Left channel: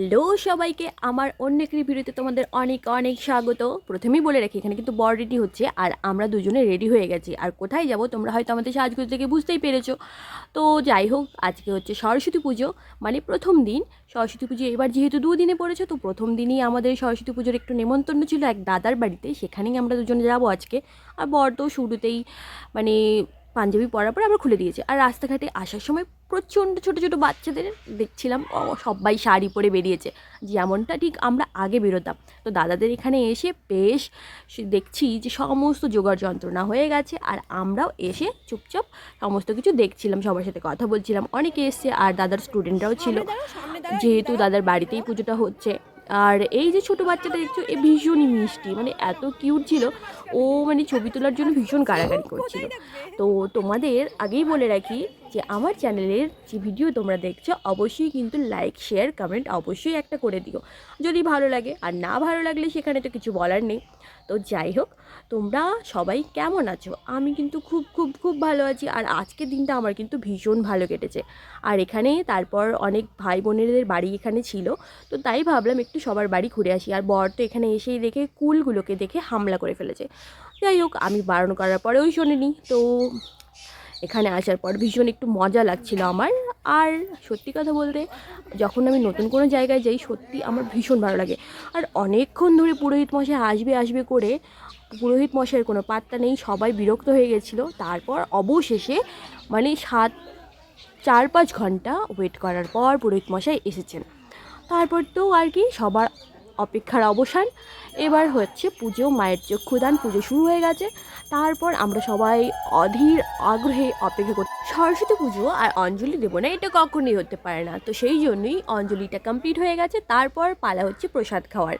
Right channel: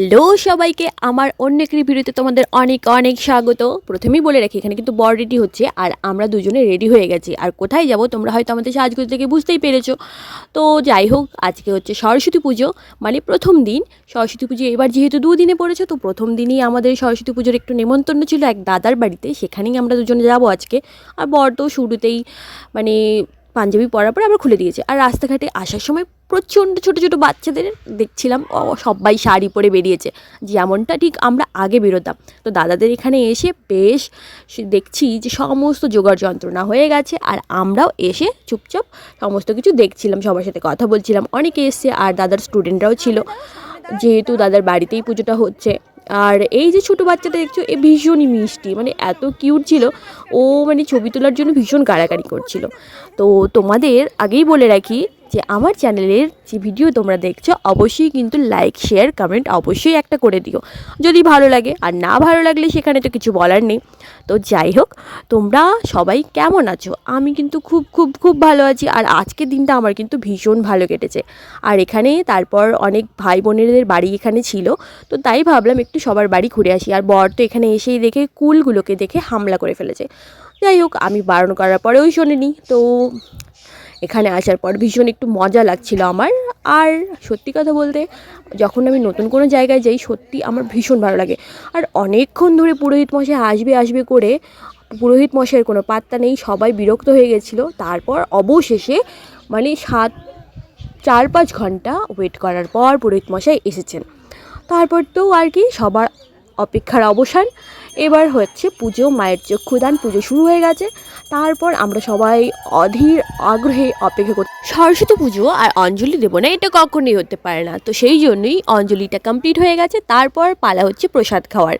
Hello সবাইকে আমার অন্য একটি ভিডিওতে তোমাদের অনেক অনেক স্বাগত। প্রথমেই বলে রাখি, এখানে কিন্তু বর রেডি হচ্ছে আর আমরা দুজনে রেডি হয়ে গেছি। আর কোথায় যাব তোমরা হয়তো আমাদের সাজগোজ থেকে বুঝতেই পেরেছো। তো যাই হোক, আজকে হচ্ছে সরস্বতী পুজো, মানে প্রথম দিন। সরস্বতী পুজো এবার যেহেতু দুদিনে পড়েছে, তো প্রথম দিনই আমাদের সরস্বতী পুজোর একটু নেমন্তন্ন ছিল এক দাদার বাড়িতে, সেখানেই আমরা দুজনে যাবো আজকে। আর বর তো শুরুতেই মানে পাঞ্জাবি পরার পর আবার খুলে দিয়েছে। আর রাস্তাঘাটে আসার সময় প্রচণ্ড ছোটো ছোটো বাচ্চাদের দেখছিলাম, সবাই শাড়ি পরে বেরিয়েছে, যেমনটা ঠিক আমরা আগে বেরোতাম। তো দাদাদের এখানে এসে বেশ দেখছি যে সমস্ত জোগাড় যন্ত্রণা হয়ে গেছে, আর আমরাও এসে চুপচাপ সমস্ত কিছু দেখছিলাম, সবার সাথে কথা বলছিলাম। অনেকে এসছে আর দাদার স্টুডেন্টরাও ছিল, যেহেতু দাদার বাড়িতেই পুজোটা হচ্ছে। আর এই যে ছোটো বাচ্চাটা দেখছো, এ ভীষণই মিষ্টি, মানে এত কিউট ছিল। ও মানে ছবি তোলার জন্য ভীষণ কাড়াকাড়ি করছিল। তো তোমাদের আগেই বলে রাখি যে আমার চ্যানেলের যে ভিডিও তোমরা দেখছো, অবশ্যই কিন্তু লাইক শেয়ার কমেন্ট অবশ্যই একটা করে দিও যদি ভালো লাগে, আর না ভালো লাগলে সেখানে তো কিছু বলার নেই। তো যাই হোক, তোমরা সবাই কেমন আছো? আমি কিন্তু খুব খুব খুব ভালো আছি। আর আজকের দিনটা আমার কিন্তু ভীষণ ভালো কেটেছে। আর এখানে তারপর অনেক ভাই বোনেদের বাড়ি এখানে ছিল, তো তাই ভাবলাম একটু সবার বাড়ি ঘুরে আসি। আর বর তো এখানে এসেই দেখে কুলগুলোকে দেখে হামলা করে ফেলেছে। যাই হোক, আমি বারণ করার পরেও শোনেনি। তো এখানে আসার পর ভীষণ একটু মজা লাগছিল আমার। আর সত্যি কথা বলতে, যখন আমি নতুন কোনো জায়গায় যাই, সত্যি আমার ভীষণ ভালো লাগে। আর অনেকক্ষণ ধরে পুরোহিত মশাই আসবে আসবে করে, পুরোহিত মশাইয়ের কোনো পাত্তা নেই, সবাই বিরক্ত হয়ে গেছিলো। তারপর অবশেষে মানে 4-5 ঘন্টা ওয়েট করার পর পুরোহিত মশাই এসেছেন। তারপর তো আর কি, সবার অপেক্ষার অবসান। এবার হচ্ছে পুজো, মায়ের চক্ষুদান, পুজো শুরু হয়ে গেছে। তারপর আমরা সবাই অধীর আগ্রহে অপেক্ষা করি। সরস্বতী পুজো আর অঞ্জলি দেবো না, এটা কখনোই হতে পারে না। তো সেই জন্যই অঞ্জলিটা কমপ্লিট হয়ে গেছে, তারপর পালা হচ্ছে প্রসাদ খাওয়ার।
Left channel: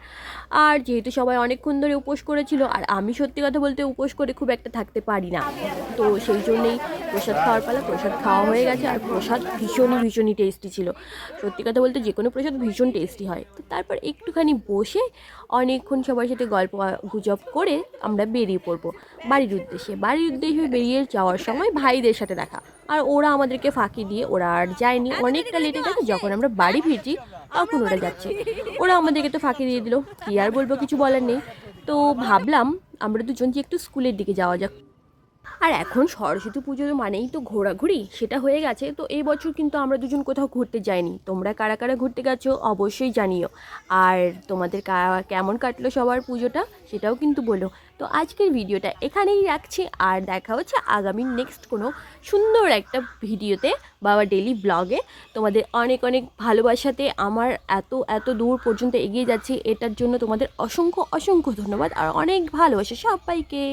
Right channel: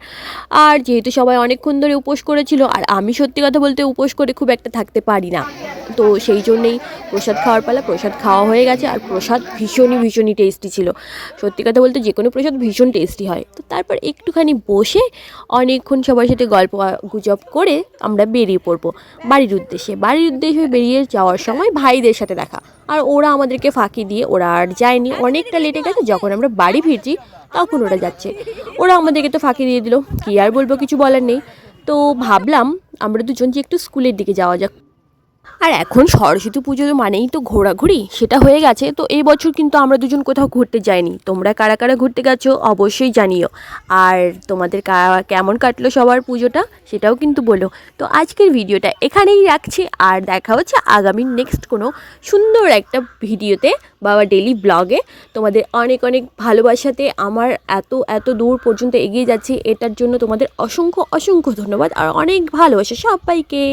আর যেহেতু সবাই অনেকক্ষণ ধরে উপোস করেছিল, আর আমি সত্যি কথা বলতে উপোস করে খুব একটা থাকতে পারি না, তো সেই জন্যেই প্রসাদ খাওয়ার পালা। প্রসাদ খাওয়া হয়ে গেছে, আর প্রসাদ ভীষণই টেস্টি ছিল। সত্যি কথা বলতে যে কোনো প্রসাদ ভীষণ টেস্টি হয়। তো তারপর একটুখানি বসে অনেকক্ষণ সবার সাথে গল্প গুজব করে আমরা বেরিয়ে পড়বো বাড়ির উদ্দেশ্যে। বেরিয়ে যাওয়ার সময় ভাইদের সাথে দেখা, আর ওরা আমাদেরকে ফাঁকি দিয়ে ওরা আর যায়নি, অনেকটা লেটে গেছে। যখন আমরা বাড়ি ফিরছি তখন ওরা যাচ্ছে। ওরা আমাদেরকে তো ফাঁকি দিয়ে দিল, কী আর বলবো, কিছু বলার নেই। তো ভাবলাম আমরা দুজন যে একটু স্কুলের দিকে যাওয়া যাক। আর এখন সরস্বতী পুজো মানেই তো ঘোরাঘুরি, সেটা হয়ে গেছে। তো এই বছর কিন্তু আমরা দুজন কোথাও ঘুরতে যাইনি। তোমরা কারা কারা ঘুরতে গেছো অবশ্যই জানিও। আর তোমাদের কেমন কাটলো সবার পুজোটা, সেটাও কিন্তু বলো। তো আজকের ভিডিওটা এখানেই রাখছি, আর দেখা হচ্ছে আগামী নেক্সট কোনো সুন্দর একটা ভিডিওতে বা ডেলি ব্লগে। তোমাদের অনেক অনেক ভালোবাসাতে আমার এত এত দূর পর্যন্ত এগিয়ে যাচ্ছি, এটার জন্য তোমাদের অসংখ্য অসংখ্য ধন্যবাদ আর অনেক ভালোবাসা সবাইকে।